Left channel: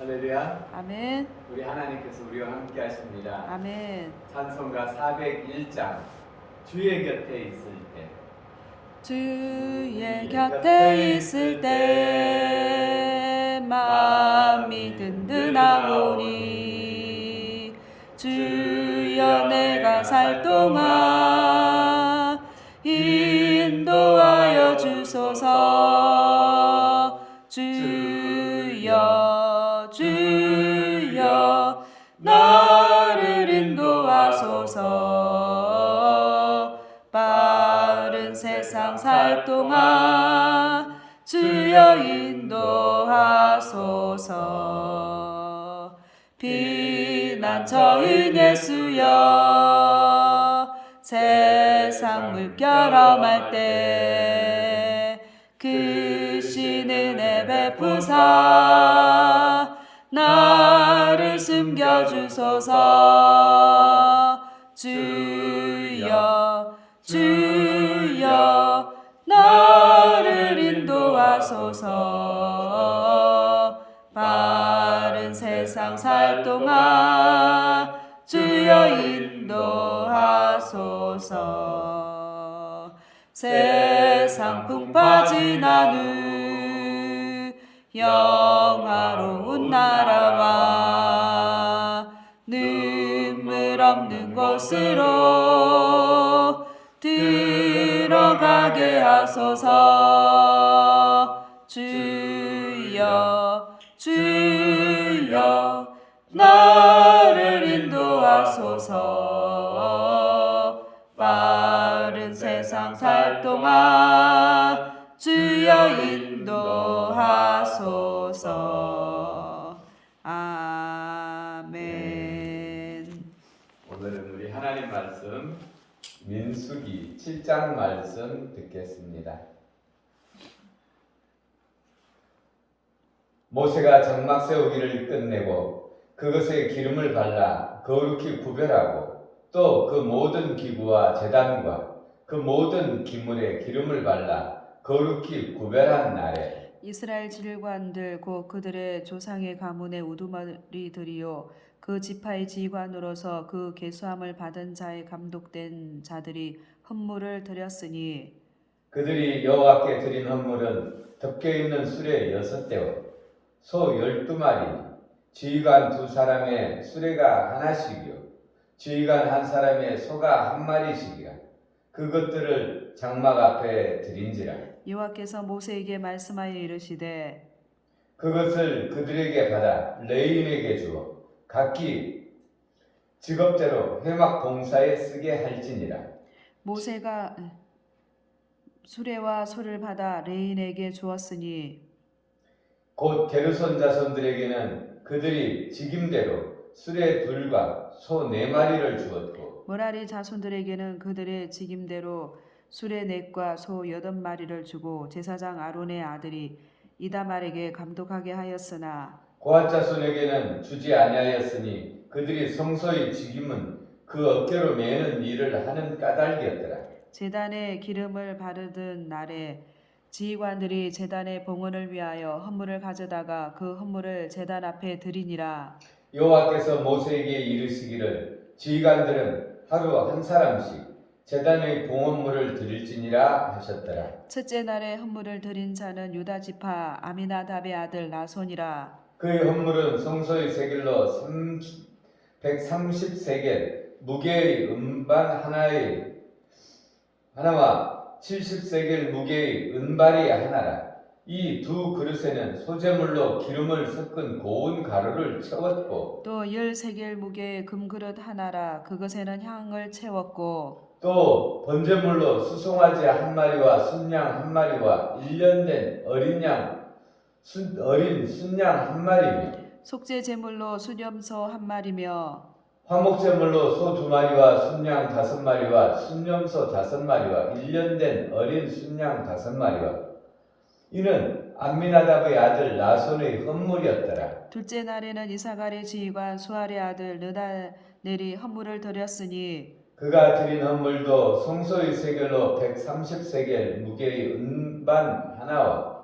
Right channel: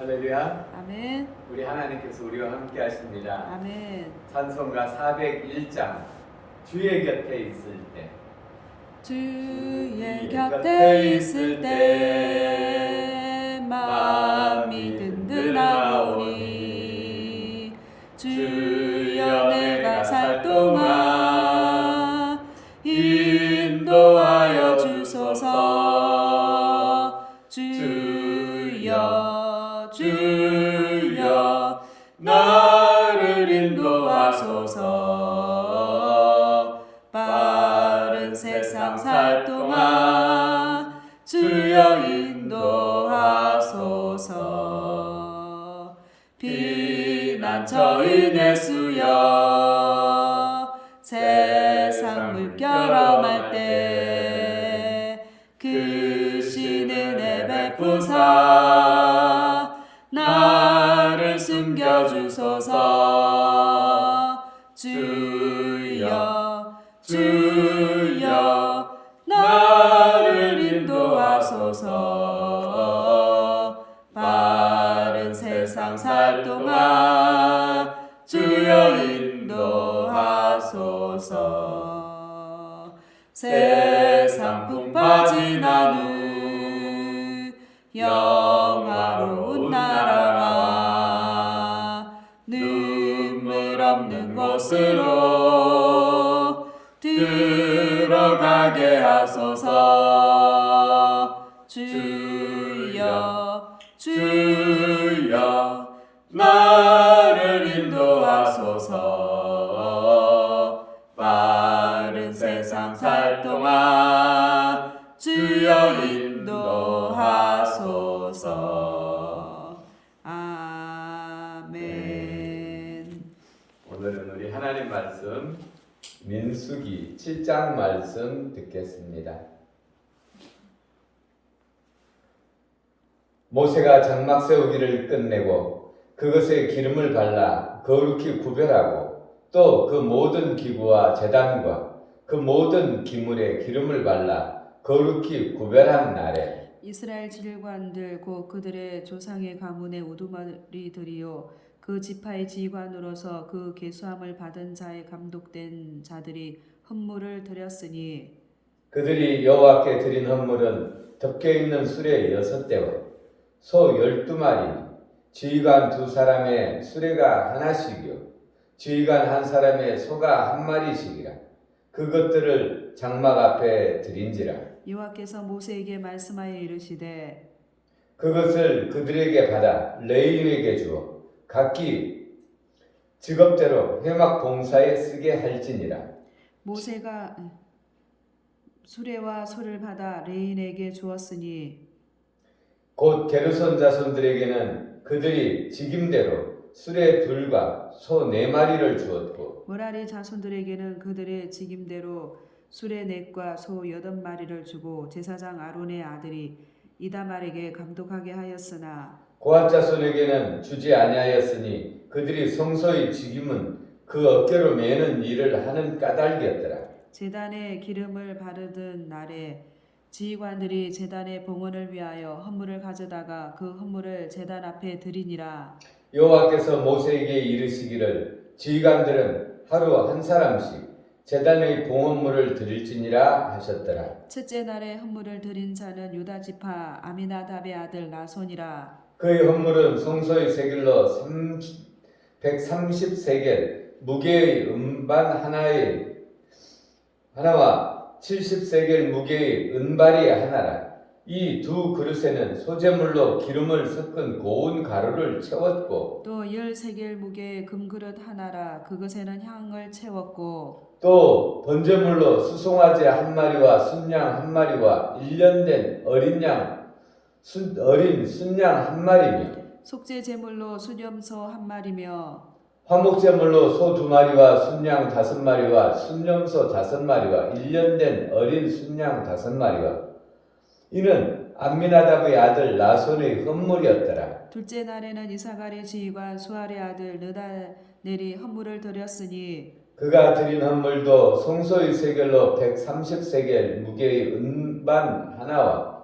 할렐루야. 아멘. 우리 하나님께서 우리와 함께 하십니다. 아멘. 찬송가 401장 주의 곁에 있을 때. 주의 곁에 있을 때 마음이 든든하오니 주여 내가 살 동안 인도하여 주소서. 주여 나를 인도하소서. 빠른 세상 살 동안 주여 인도하소서. 피난처인 예수여 세상 물결험할 때 크신 은혜 베푸사 나를 숨겨주소서. 주여 나를 인도하소서. 빠른 세상 살 동안 주여 인도하소서. 세상 풍파 지난 후 영화로운 나라와 눈물 없는 곳으로 들어가게 하소서. 주여 나를 인도하소서. 빠른 세상 살 동안 주여 인도하소서. 아멘. 오늘은 우리 하나님 말씀 민수기 7장 말씀 듣겠습니다. 모세가 장막 세우기를 끝내고 그것에 기름을 발라 거룩히 구별하고 또 그 모든 기구와 제단과 그 모든 기물에 기름을 발라 거룩히 구별한 날에 이스라엘 지휘관들 곧 그들의 조상의 가문의 우두머리들이요 그 지파의 지휘관으로서 그 계수함을 받은 자의 감독된 자들이 헌물을 드렸으니 그들이 여호와께 드린 헌물은 덮여 있는 수레 6대와 소 12마리, 지휘관 2사람의 수레가 하나씩이요 지휘관 1사람의 소가 1마리씩이라. 그것들을 장막 앞에 드린지라. 여호와께서 모세에게 말씀하여 이르시되 그것을 그들에게 받아 레인에게 주어 각기 직업대로 회막 봉사에 쓰게 할지니라. 모세가 수레와 소를 받아 레인에게 주었으니 곧 게르손 자손들에게는 그들이 직임대로 수레 2과 소 4마리를 주었고 므라리 자손들에게는 그들의 직임대로 수레 4과 소 8마리를 주고 제사장 아론의 아들이 이다말에게 감독하게 하였으나 고앗 자손에게는 주지 아니하였으니 그들이 성소의 직임은 그 어깨로 매는 일을 하는 까닭이었더라. 제단에 기름을 바르던 날에 지휘관들이 제단의 봉헌을 위하여 헌물을 가져다가 그 헌물을 제단 앞에 드리니라. 여호와께서 모세에게 이르시기를 지휘관들은 하루 1사람씩 제단의 봉헌물을 드릴지니라 하셨더라. 첫째 날에 헌물을 드린 자는 유다 지파 아미나답의 아들 나손이라. 그의 헌물은 성소의 세겔로 130세겔 무게의 음반 하나와 70세겔 무게의 은발이 하나라. 이 2 그릇에는 소재물로 기름을 섞은 고운 가루를 채웠고 또 10세겔 무게의 금그릇 하나라. 그것에는 향을 채웠고 또 번제물로 수송아지 1마리와 순양 1마리와 1년 된 어린 순양 1마리며 속죄 제물로 수염소 1마리며 화목제물로 소 2마리와 순양 5마리와 순염소 5마리와 1년 된 어린 순양 5마리와 이는 암미나답의 아들 나손의 헌물이었더라. 둘째 날에는 이사갈의 지휘관 수알의 아들 느다넬이 헌물을 드렸으니 그가 드린 헌물도 성소의 세겔로 130세겔 무게의 은반 하나와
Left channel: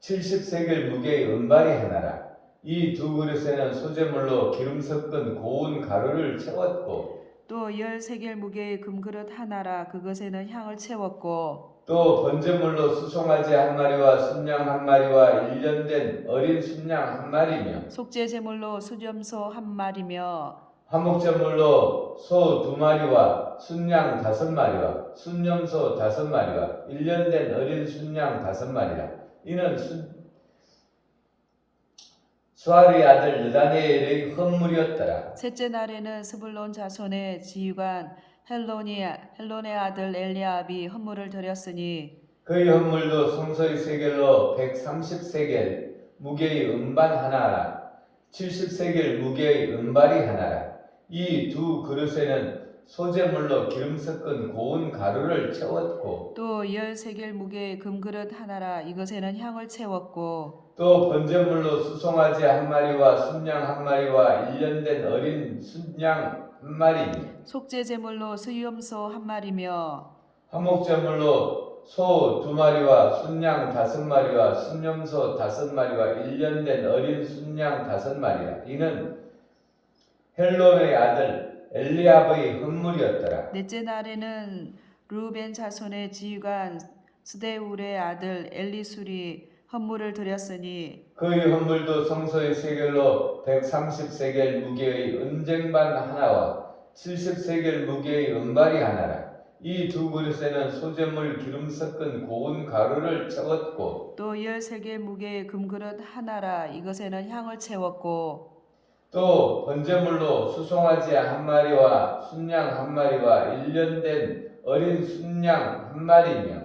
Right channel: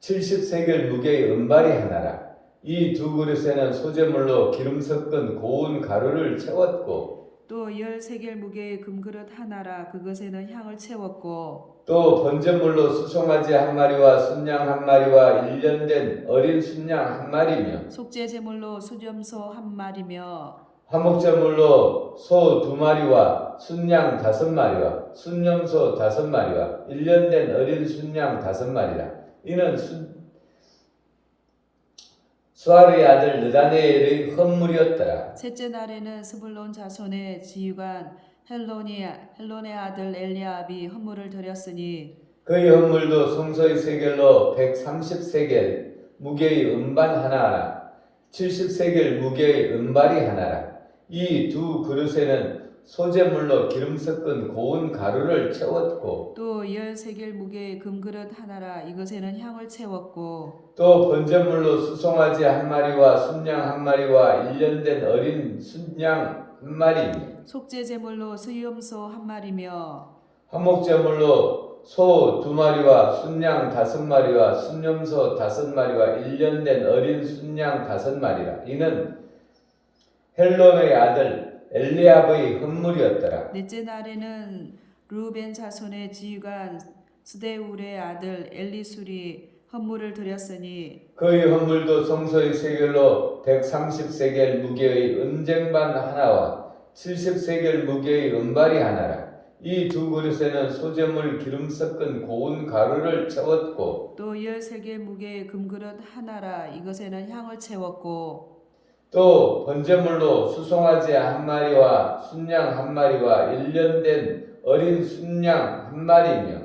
70세겔 무게의 은발이 하나라. 이 두 그릇에는 소재물로 기름 섞은 고운 가루를 채웠고 또 13개를 무게의 금그릇 하나라 그것에는 향을 채웠고 또 번제물로 수송아지 한 마리와 순양 한 마리와 1년 된 어린 순양 한 마리며 속죄제물로 수염소 한 마리며 화목제물로 소 2마리와 순양 5마리와 순염소 5마리와 1년 된 어린 순양 5마리라. 이는 수아르의 아들 느다네엘의 헌물이었더라. 셋째 날에는 스불론 자손의 지휘관 헬론의 아들 엘리압이 헌물을 드렸으니 그의 헌물도 성소의 세겔로 130세겔 무게의 음반 하나라 70세겔 무게의 은발이 하나라. 이 두 그릇에는 소재물로 기름 섞은 고운 가루를 채웠고 또 13개를 무게의 금그릇 하나라 이것에는 향을 채웠고 또 번제물로 수송아지 한 마리와 순양 한 마리와 1년 된 어린 순양 한 마리며 속죄제물로 수염소 한 마리며 화목제물로 소 2마리와 순양 5마리와 순염소 5마리와 1년 된 어린 순양 5마리라. 이는 헬론의 아들 엘리압의 헌물이었더라. 넷째 날에는 루벤 자손의 지휘관 스데울의 아들 엘리술이 헌물을 드렸으니 그의 헌물도 성소의 세겔로 130세겔 무게의 은쟁반 하나와 70세겔 무게의 은발이 하나라. 이 두 그릇에는 소재물 기름 섞은 고운 가루를 채웠고 또 13개 무게의 금그릇 하나라 이것에는 향을 채웠고 또 번제물로 수송아지 한 마리와 순양 한 마리와 1년 된 어린 순양 한 마리며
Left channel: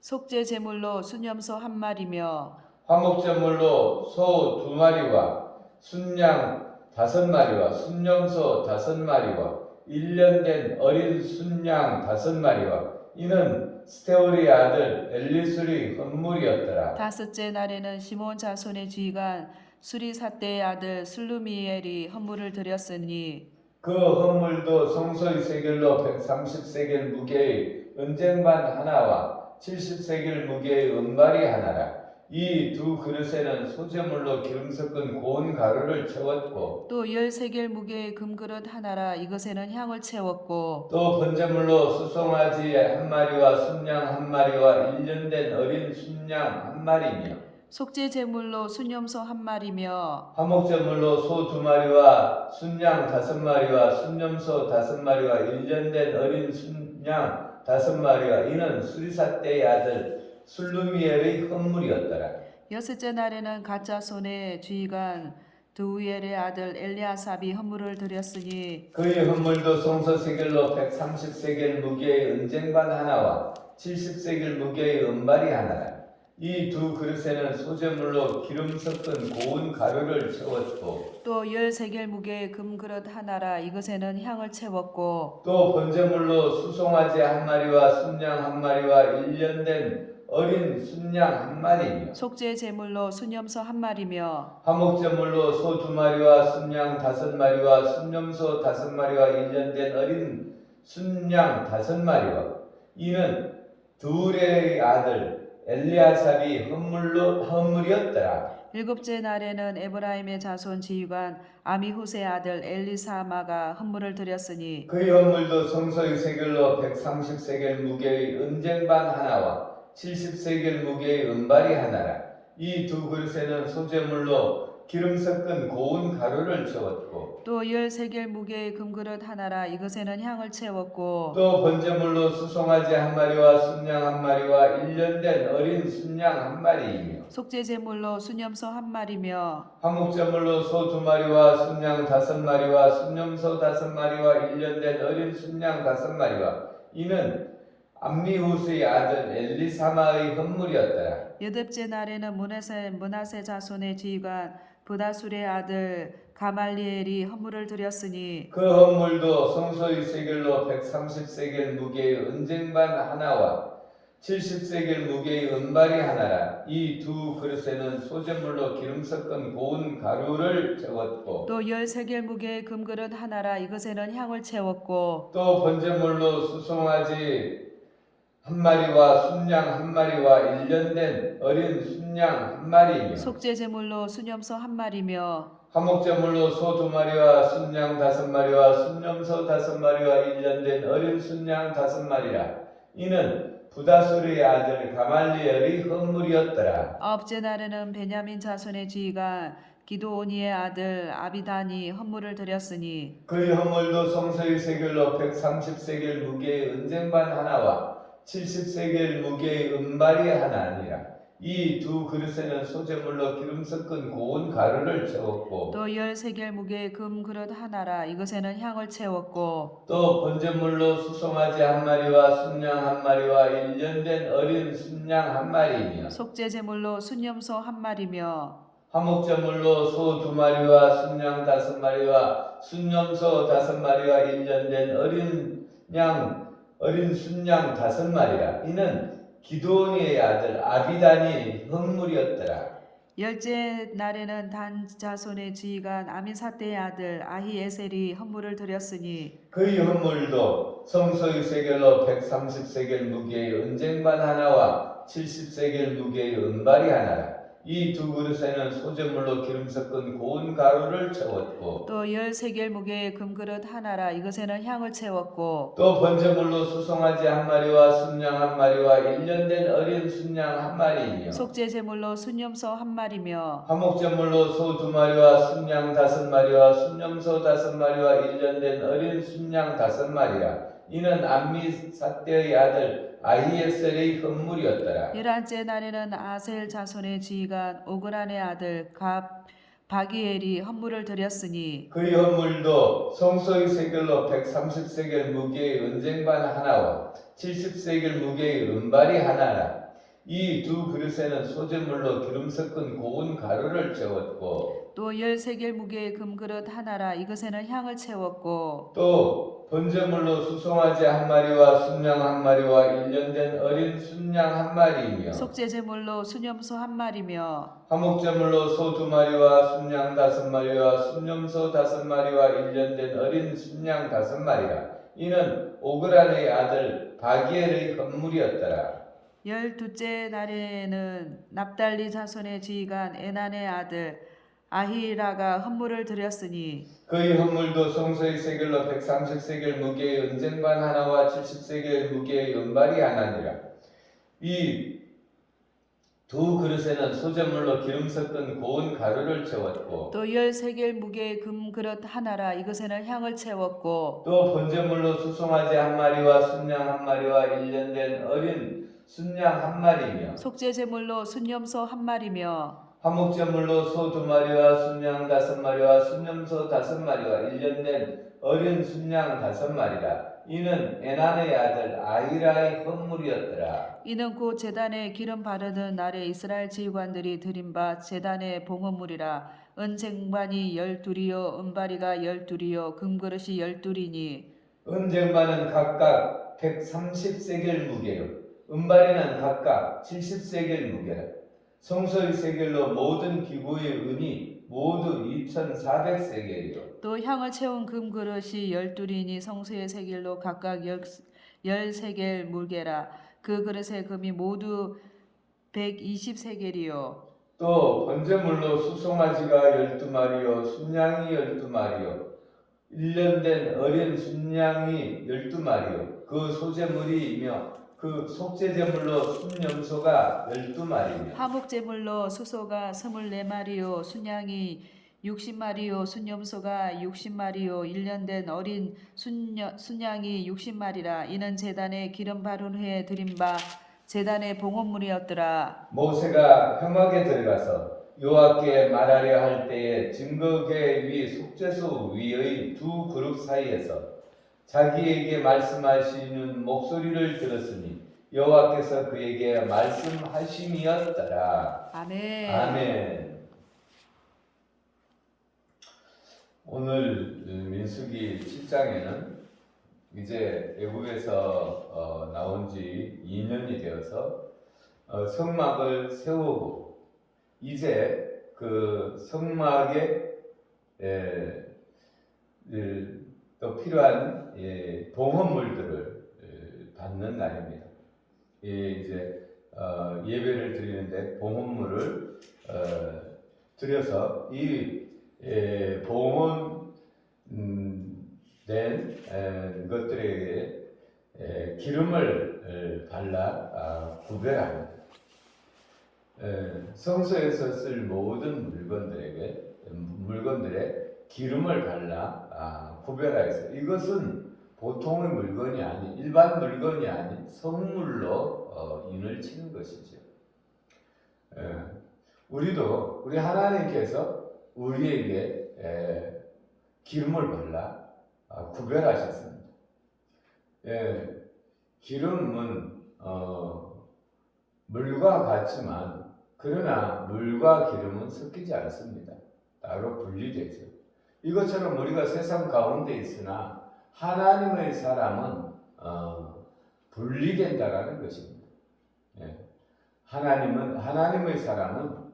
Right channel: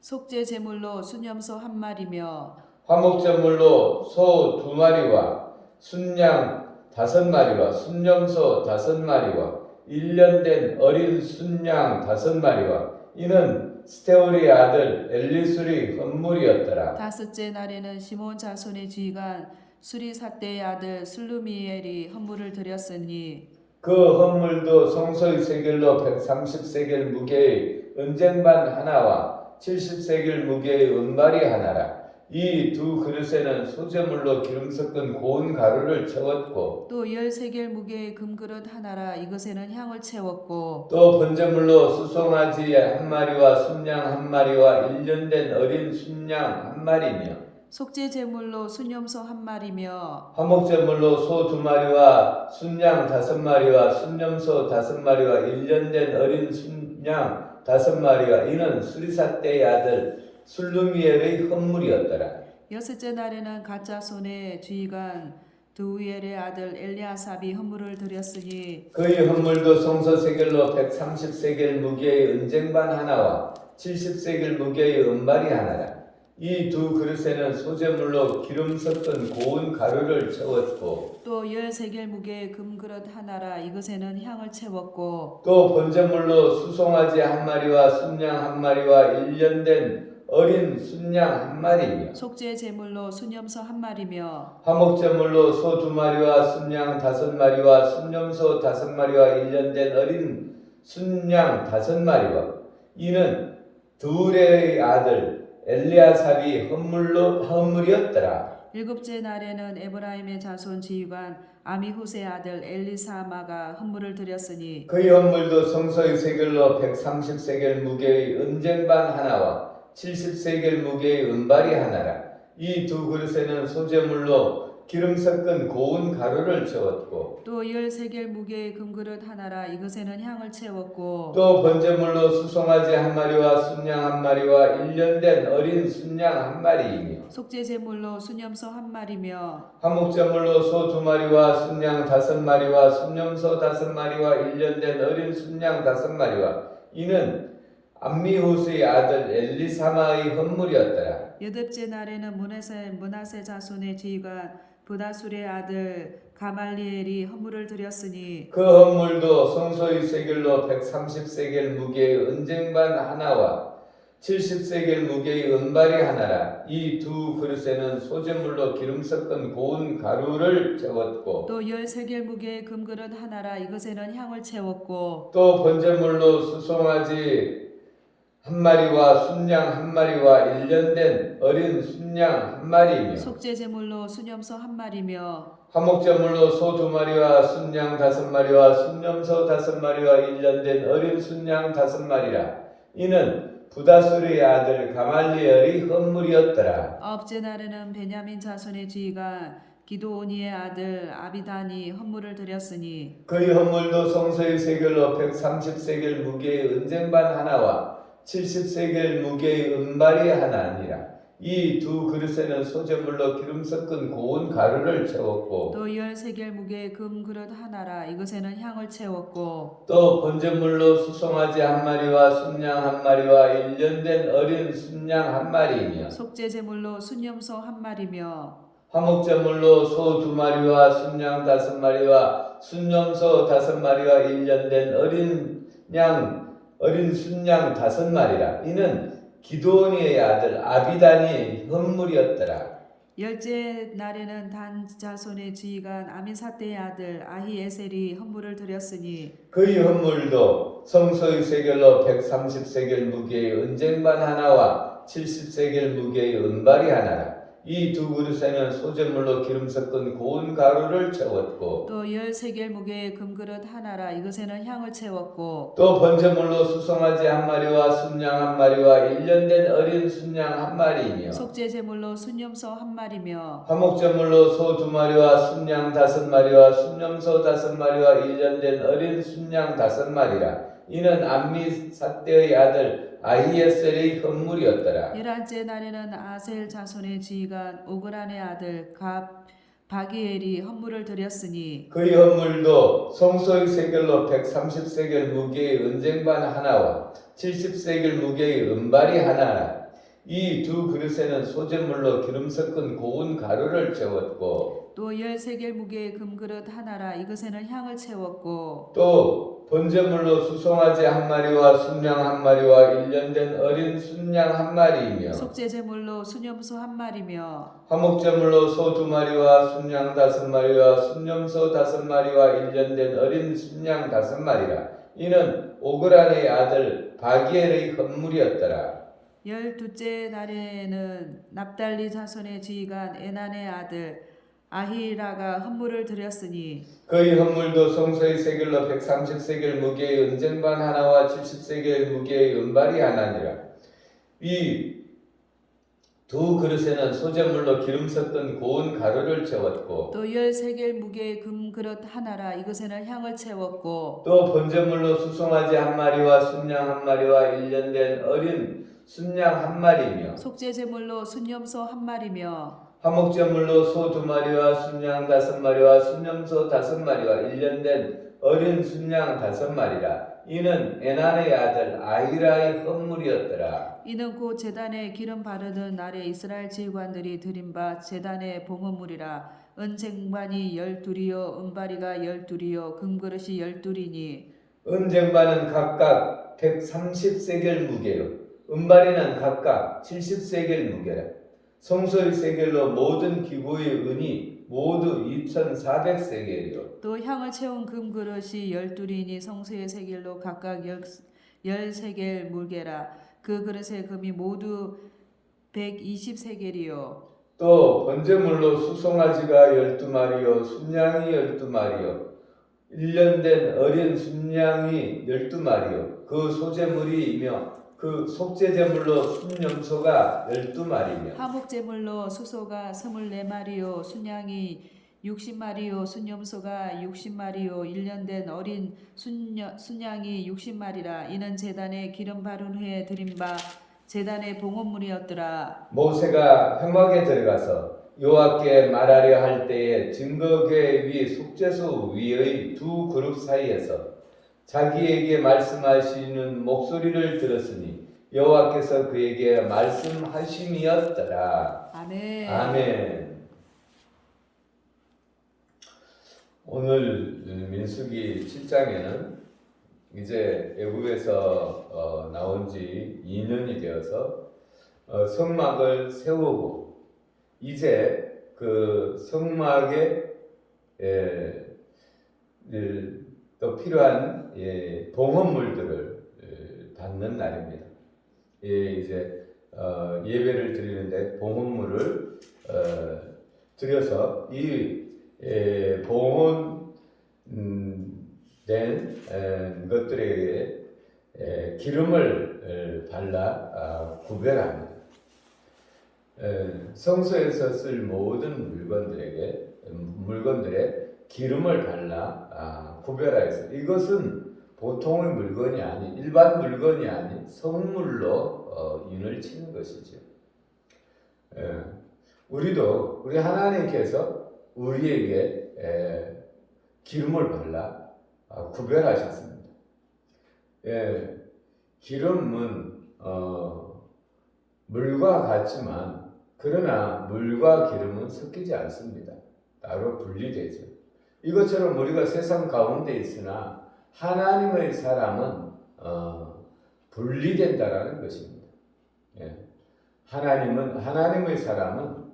속죄제물로 수염소 한 마리며 화목제물로 소 2마리와 순양 5마리와 순염소 5마리와 1년 된 어린 순양 5마리와 이는 스테울의 아들 엘리술의 헌물이었더라. 다섯째 날에는 시몬 자손의 지휘관 수리사대의 아들 슬루미엘이 헌물을 드렸으니 그 헌물도 성소의 세겔로 130세겔 무게의 은쟁반 하나와 70세겔 무게의 은발이 하나라. 이 두 그릇에는 소재물로 기름 섞은 고운 가루를 채웠고 또 13개 무게의 금그릇 하나라 이것에는 향을 채웠고 또 번제물로 수송아지 한 마리와 순양 한 마리와 1년 된 어린 순양 한 마리며 속죄제물로 수염소 한 마리며 화목제물로 소 2마리와 순양 5마리와 순염소 5마리와 1년 된 어린 순양 5마리가 이는 수리사대의 아들 술루미엘의 헌물이었더라. 여섯째 날에는 가짜손의 지휘관 드우엘의 아들 엘리아삽이 헌물을 드렸으니 그의 헌물도 성소 세겔로 130세겔 무게의 은쟁반 하나와 70세겔 무게의 은발이 하나라. 이 두 그릇에는 소재물로 기름 섞은 고운 가루를 채웠고 또 13개 무게의 금그릇 하나라 이것에는 향을 채웠고 또 번제물로 수송아지 한 마리와 순양 한 마리와 1년 된 어린 순양 한 마리며 속죄제물로 수염소 한 마리며 화목제물로 소 2마리와 순양 5마리와 순염소 5마리와 1년 된 어린 순양 5마리와 이는 두레의 아들 엘리아삽이 헌물이었더라. 일곱째 날에는 에브라임의 자손 지휘관 아미후스의 아들 엘리사마가 헌물을 드렸으니 그의 헌물도 성소의 세겔로 130세겔 무게의 은쟁반 하나와 70세겔 무게의 은발이 하나라. 이 두 그릇에는 소재물로 기름 섞은 고운 가루를 채웠고 또 13개 무게의 금그릇 하나라 이것에는 향을 채웠고 또 번제물로 수송아지 한 마리와 순양 한 마리와 1년 된 어린 순양 한 마리이며 속죄제물로 수염소 한 마리며 화목제물로 소 2마리와 순양 5마리와 순염소 5마리와 1년 된 어린 순양 5마리와 이는 암미후스의 아들 엘리사마의 헌물이었더라. 여덟째 날에는 문하세 자손의 지휘관 부다술의 아들 가말리엘이 헌물을 드렸으니 그 헌물도 성소의 세겔로 130세겔 무게의 은쟁반 하나와 70세겔 무게의 은발이 하나라. 이 두 그릇에는 소재물로 기름 섞은 고운 가루를 채웠고 또 13개 무게의 금그릇 하나라 이것에는 향을 채웠고 또 번제물로 수송아지 한 마리와 순양 한 마리와 1년 된 어린 순양 한 마리이며 속죄 제물로 순염소 한 마리며 화목제물로 소 2마리와 순양 5마리와 순염소 5마리와 1년 된 어린 순양 5마리라. 이는 부다술의 아들 가말리엘이 헌물이었더라. 아홉째 날에는 베냐민 자손의 지휘관 기드오니의 아들 아비단이 헌물을 드렸으니 그의 헌물도 성소의 세겔로 130세겔 무게의 은쟁반 하나와 70세겔 무게의 은발이 하나니라. 이 두 그릇에는 소제물로 기름 섞은 고운 가루를 채웠고 또 10세겔 무게의 금 그릇 하나라. 이것에는 향을 채웠고 또 번제물로 수송아지 한 마리와 순양 한 마리와 1년 된 어린 순양 한 마리이며 속죄 제물로 순염소 한 마리며 화목제물로 소 2마리와 순양 5마리와 순염소 5마리와 1년 된 어린 순양 5마리라. 이는 기드온이의 아들 아비단이 헌물이었더라. 열째 날에는 단 자손의 지휘관 아미사대의 아들 아히에셀이 헌물을 드렸으니 그의 헌물도 성소의 세겔로 130세겔 무게의 은쟁반 하나와 70세겔 무게의 은발이 하나라. 이 두 그릇에는 소제물로 기름 섞은 고운 가루를 채웠고 또 10세겔 무게의 금그릇 하나라. 이것에는 향을 채웠고 또 번제물로 수송아지 한 마리와 순양 한 마리와 1년 된 어린 순양 한 마리이며 속죄 제물로 순염소 한 마리며 화목제물로 소 2마리와 순양 5마리와 순염소 5마리와 1년 된 어린 순양 5마리라. 이는 암미사대의 아들 아히에셀의 헌물이었더라. 11째 날에는 아셀 자손의 지휘관 오그란의 아들 바기엘이 헌물을 드렸으니 그의 헌물도 성소의 세겔로 130세겔 무게의 은쟁반 하나와 70세겔 무게의 은발이 하나라. 이 두 그릇에는 소제물로 기름 섞은 고운 가루를 채웠고 또 10세겔 무게의 금그릇 하나라. 이것에는 향을 채웠고 또 번제물로 수송아지 한 마리와 순양 한 마리와 1년 된 어린 순양 한 마리이며 속죄 제물로 순염소 한 마리며 화목제물로 소 2마리와 순양 5마리와 순염소 5마리와 1년 된 어린 순양 5마리라. 이는 오그란의 아들 바기엘의 헌물이었더라. 12째 날에는 납달리 자손의 지휘관 에난의 아들 아히라가 헌물을 드렸으니 그의 헌물도 성소의 세겔로 130세겔 무게의 은쟁반 하나와 70세겔 무게의 은발이 하나니라. 이 두 그릇에는 소제물로 기름 섞은 고운 가루를 채웠고 또 10세겔 무게의 금그릇 하나라. 이것에는 향을 채웠고 또 번제물로 수송아지 한 마리와 순양 한 마리와 1년 된 어린 순양 한 마리이며 속죄 제물로 순염소 한 마리며 화목제물로 소 2마리와 순양 5마리와 순염소 5마리와 1년 된 어린 순양 5마리라. 이는 에난의 아들 아히라의 헌물이었더라. 이는 곧 제단에 기름 바르던 날에 이스라엘 지휘관들이 드린 바 제단의 봉헌물이라. 은쟁반이 12이요 은바리가 12이요 금그릇이 12이니 은쟁반은 각각 130세겔 무게요 은발에는 각각 70세겔 무게라. 성소의 세겔로 모든 기구의 은이 모두 2,400세겔이요 또 향을 채운 금그릇이 12이니 성소의 세겔로 각각 10세겔 물게라. 그 그릇의 금이 모두 120세겔이요 또 번제물로 수송아지가 12마리요 순양이 12마리요 1년 된 어린 순양이 12마리요 그 소제물이며 그 속죄제물로 순염소가 12마리며 화목제물로 수소가 24마리요 순양이 60마리요 순염소가 60마리요 1년 된 어린 순양이 60마리라. 이는 제단에 기름 바른 후에 드린 바 제단의 봉헌물이었더라. 모세가 회막에 들어가서 여호와께 말하려 할 때에 증거궤 위 속죄소 위의 두 그룹 사이에서 자기에게 말씀하시는 목소리를 들었으니 여호와께서 그에게 말씀하심이었더라. 아멘. 아멘. 오늘 민수기 7장에는 이제 애굽에서 나온 지 2년이 되어서 성막을 세우고 이제 그 성막에 또 필요한 봉헌물들을 받는 날입니다. 이제 예배를 드리는데 봉헌물을 드려서 이 봉헌된 것들에게 기름을 발라 구별합니다. 성소에서 쓸 모든 물건들에 기름을 발라 구별하여서 이것은 보통의 물건이 아닌 일반 물건이 아닌 성물로 인을 치는 것이죠. 우리도 우리 하나님께서 우리에게 기름을 발라 구별하셨습니다. 기름은 물과 같지만 그러나 물과 기름은 섞이지 않습니다. 따로 분리되죠. 이것처럼 우리가 세상 가운데 있으나 하나님의 사람은 분리된다라는 것입니다. 하나님의 사람은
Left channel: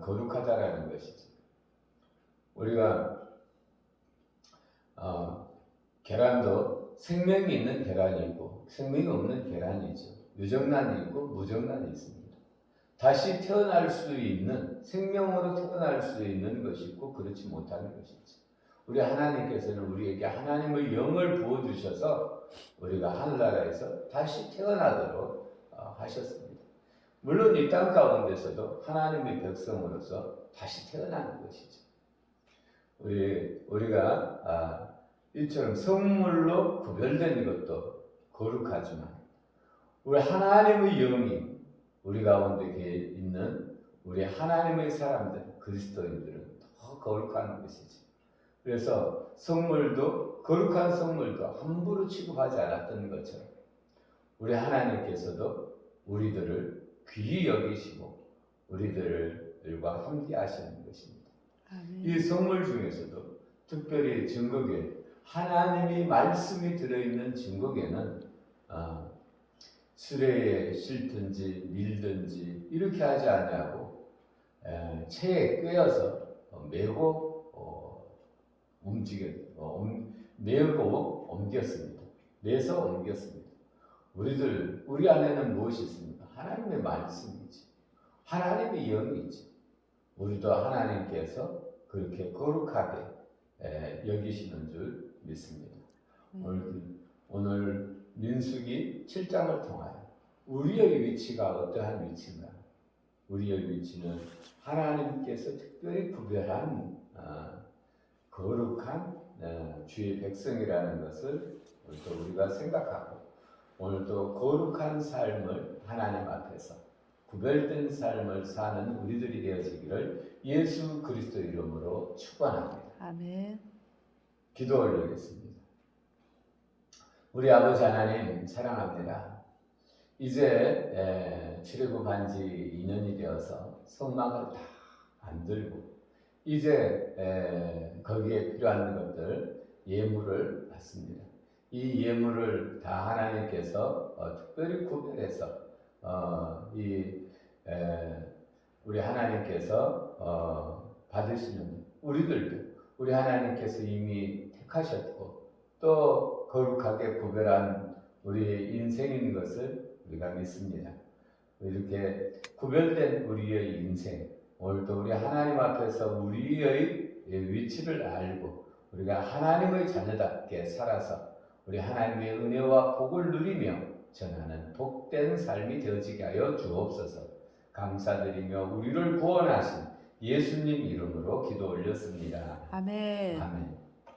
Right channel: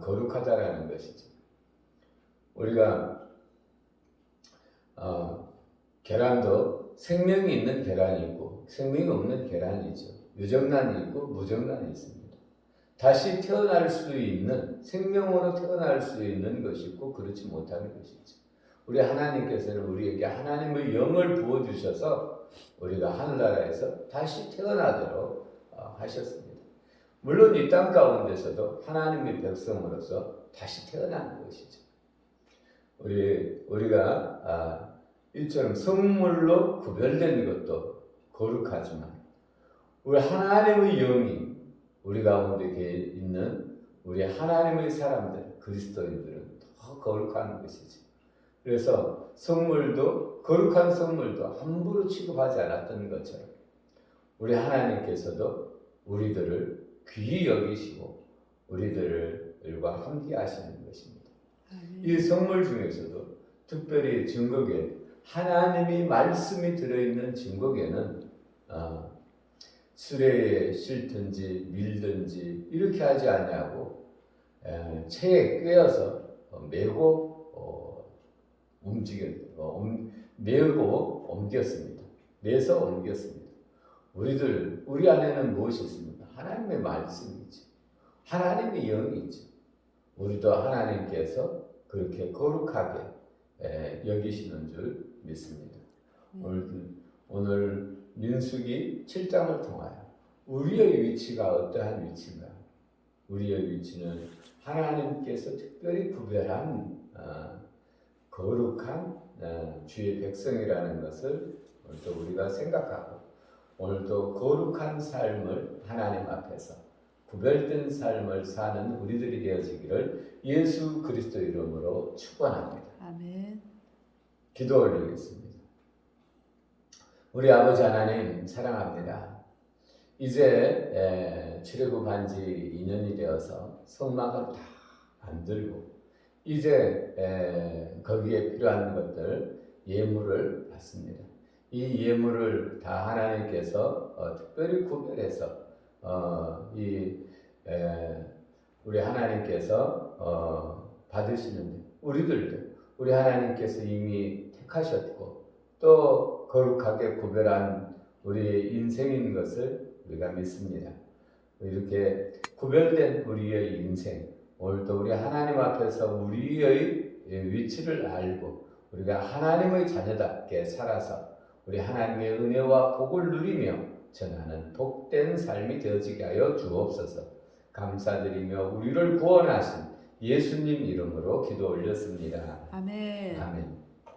거룩하다라는 것이죠. 우리가 계란도 생명이 있는 계란이 있고 생명이 없는 계란이죠. 유정란이 있고 무정란이 있습니다. 다시 태어날 수 있는 생명으로 태어날 수 있는 것이 있고 그렇지 못하는 것이죠. 우리 하나님께서는 우리에게 하나님의 영을 부어주셔서 우리가 하늘나라에서 다시 태어나도록 하셨습니다. 물론 이 땅 가운데서도 하나님의 백성으로서 다시 태어나는 것이죠. 우리가 이처럼 성물로 구별된 것도 거룩하지만 우리 하나님의 영이 우리 가운데 있는 우리 하나님의 사람들 그리스도인들은 더 거룩한 것이죠. 그래서 거룩한 성물도 함부로 취급하지 않았던 것처럼 우리 하나님께서도 우리들을 귀히 여기시고 우리들과 함께 하시는 것입니다. 이 성물 중에서도 특별히 증거계 하나님이 말씀이 들어있는 증거계는 수레에 싣든지 밀든지 이렇게 하지 아니하고 채에 꿰어서 메고 메고 옮겼습니다. 매서 옮겼습니다. 우리 안에는 무엇이 있습니까? 하나님의 말씀이지. 하나님의 영이지. 우리도 하나님께서 그렇게 거룩하게 여기시는 줄 믿습니다. 오늘 민수기 7장을 통하여 우리의 위치가 어떠한 위치인가? 우리의 위치는 하나님께서 특별히 구별한 거룩한 주의 백성이라는 것을 또 우리가 생각하고 오늘도 거룩한 삶을 하나님 앞에서 구별된 삶을 사는 우리들이 되어지기를 예수 그리스도 이름으로 축원합니다. 아멘. 기도 올리겠습니다. 우리 아버지 하나님 사랑합니다. 이제 출애굽한 지 2년이 되어서 성막을 다 만들고 이제 거기에 필요한 것들 예물을 받습니다. 이 예물을 다 하나님께서 특별히 구별해서 우리 하나님께서 받으시는데 우리들도 우리 하나님께서 이미 택하셨고 또 거룩하게 구별한 우리의 인생인 것을 우리가 믿습니다. 이렇게 구별된 우리의 인생, 오늘도 우리 하나님 앞에서 우리의 위치를 알고 우리가 하나님의 자녀답게 살아서 우리 하나님의 은혜와 복을 누리며 전하는 복된 삶이 되어지게 하여 주옵소서. 감사드리며 우리를 구원하신 예수님 이름으로 기도 올렸습니다. 아멘.